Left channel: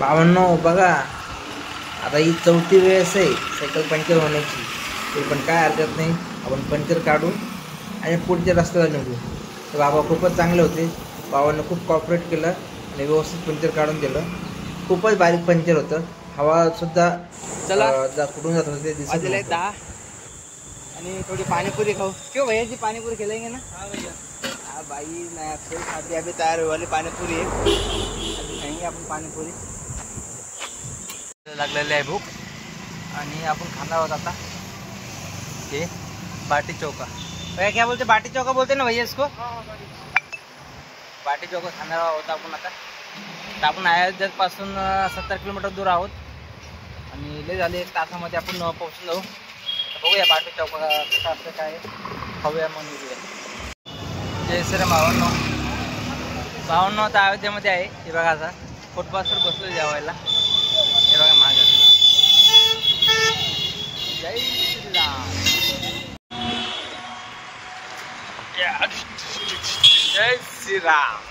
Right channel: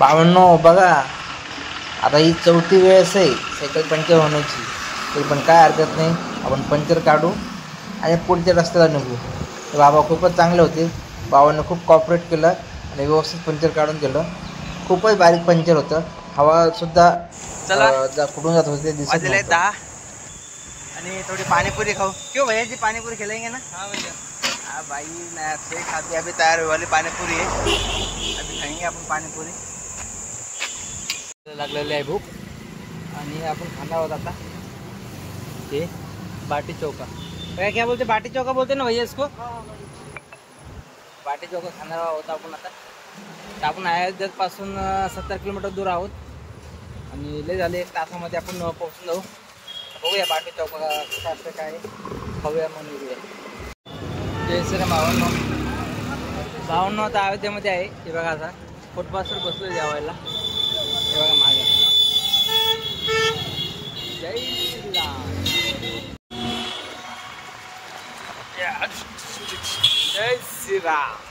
भावांनो बघा, आता ही 4थी वेळेस आहे सायकल पंक्चर होण्याची, तरी पण काय हरकत नाही, आपण पंक्चर काढू आणि पुढच्या रस्त्याला निघू. तर बाबा खूपच चांगले होते, बाबांना खूप कॉपरेट केलं आणि व्यवस्थित पंक्चर काढून दिलं. खूपच बारीक पंक्चर होतं, हवासुद्धा चला कुठून जात होते दिसत वाजले नव्हतं. 10 आणि थोड़ी पानीपुरी खाओ. क्यों भैया जी पानीपुरी खिलाएंगे ना? हाँ भैया. हाँ भाई मैं आपसे खाते अभी तैयार वाली पानीपुरी है, अभी खाएंगे आपण पानीपुरी. लागलेली आहे भूक आणि आपण खाणार आहोत आता हे बाटी चौका. भैया क्या बोलते, बाटी चौका बोलते ना भैया इसको? बाटी चौका खाणार आहोत आपण आता. तर आपण अयोध्यापासून 70 किलोमीटर दूर आहोत आणि लय झाले 1 तासामध्ये आपण पोहोचून जाऊ. बघूया बाटी चौका कसं असतं काय खाऊया मग निघूया. जय श्रीराम भावांनो आता अयोध्येमध्ये आहे. हे बघा आता फुटपाथवर बसलो जेवायला. हे बघा माझ्या जय श्रीराम जय श्रीराम.